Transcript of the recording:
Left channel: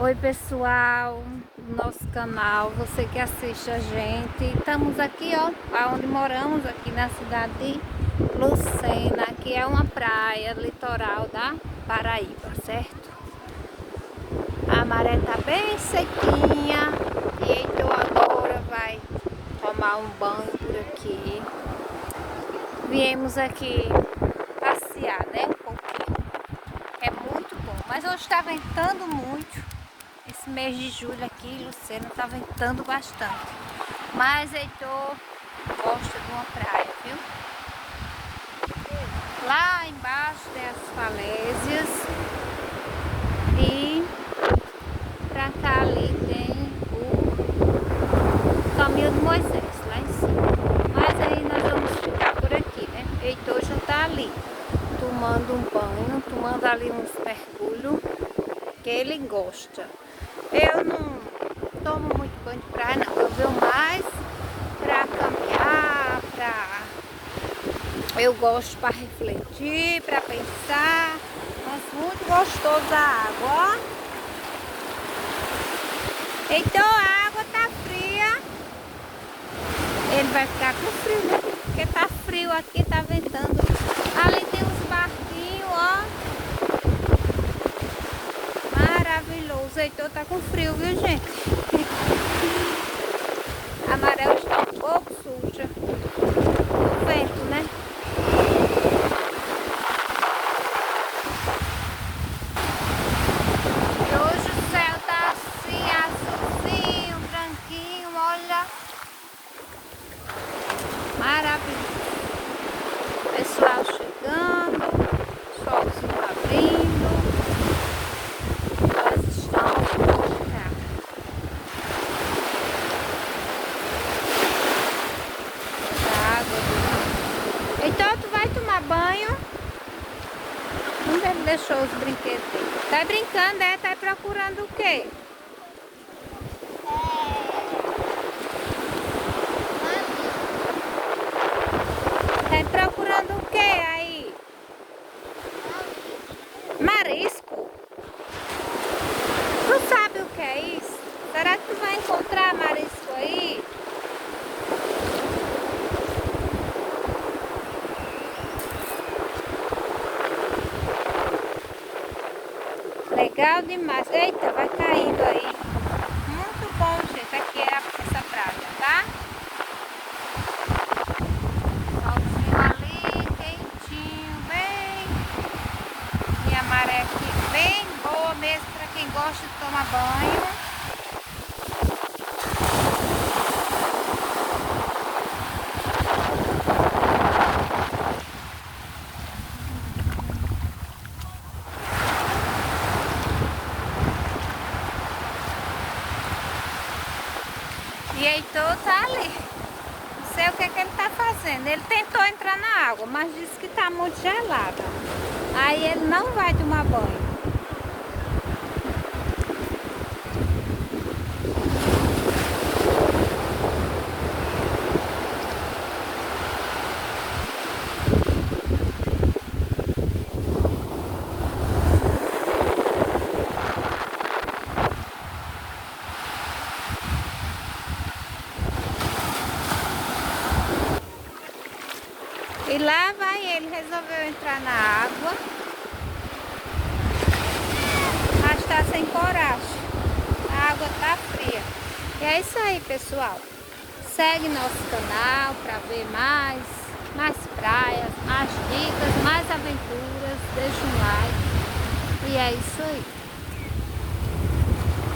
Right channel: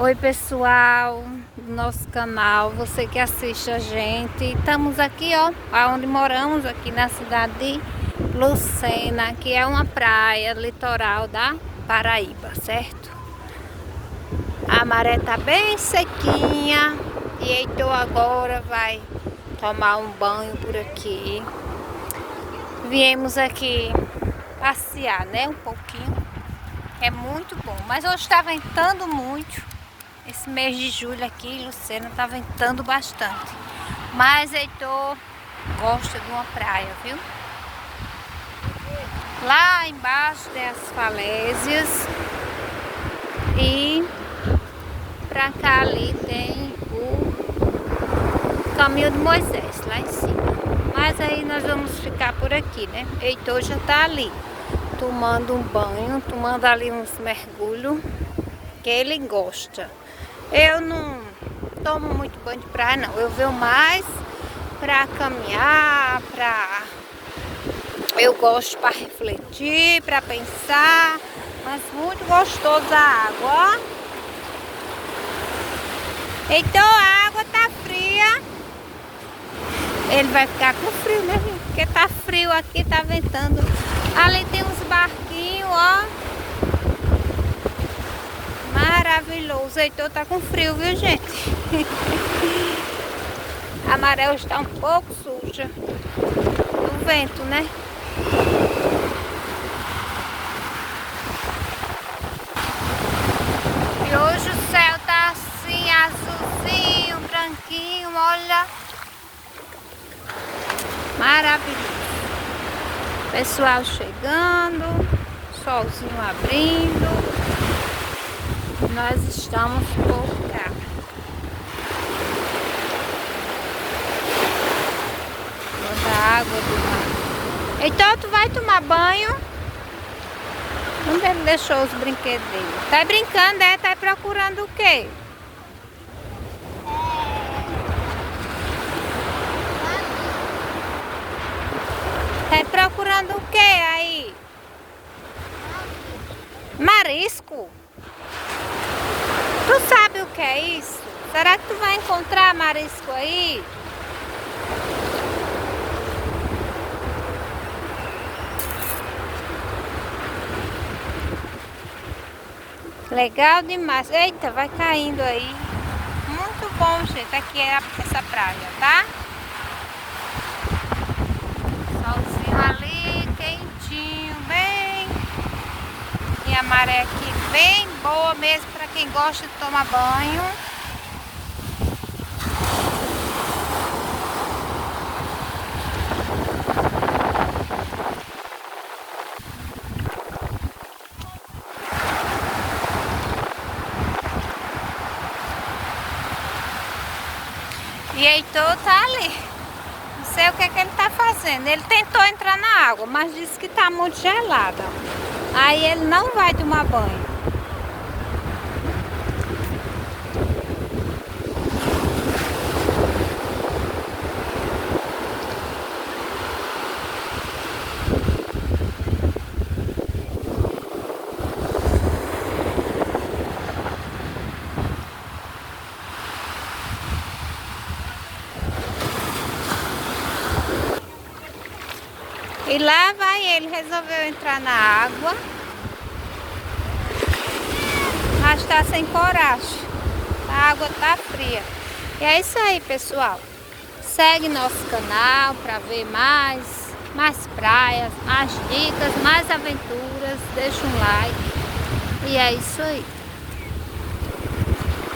Oi pessoal do nosso canal, você que assiste a gente. Estamos aqui onde moramos, aqui na cidade de Lucena, que é uma praia litoral da Paraíba, certo? A maré tá bem sequinha e Heitor agora vai tomar um banho por aqui. Viemos aqui passear, né, um pouquinho. É muito bom, mas hoje está ventando muito. Esse mês de julho aqui em Lucena tá ventando bastante. Mas Heitor gosta de uma praia, viu? Lá embaixo tem as falésias. E pra cá ali tem o caminho de Moisés, lá em cima. Mas aí nós vamos ficar por aqui, né? Heitor já tá ali tomando um banho, tomando ali uns mergulhos que ele gosta. Eu não tomo muito banho de praia, não. Eu venho mais pra caminhar, eu gosto para refletir, para pensar. Mas muito gostoso a água, ó. Então a água tá fria. Ele vai ficar com frio, né, gente? Porque tá frio aqui, tá ventando. Ali tem uns barquinhos, ó. Maravilhoso. Heitor tá com frio, viu, gente? A maré está um pouco suja do vento, né? E hoje o céu tá assim, azulzinho, branquinho, olha. Maravilhoso. Pessoal chegando, solzinho abrindo. Nós estamos por cá. Tanta água do mar. Então tu vai tomar banho? Onde ele deixou os brinquedos dele? Tá brincando, é? Tá procurando o quê? Tá procurando o quê aí? Marisco? Tu sabe o que é isso? Será que tu vai encontrar marisco aí? Legal demais. Eita, vai caindo aí. Muito bom, gente. Aqui é essa praia, tá? Solzinho ali, quentinho, bem. E a maré aqui bem boa mesmo para quem gosta de tomar banho. E Heitor tá ali. Não sei o que ele tá fazendo. Ele tentou entrar na água, mas disse que tá muito gelada. Aí ele não vai tomar banho. E lá vai ele, resolveu entrar na água, mas tá sem coragem, a água tá fria. E é isso aí, pessoal. Segue nosso canal para ver mais praias, mais dicas, mais aventuras. Deixa um like. E é isso aí.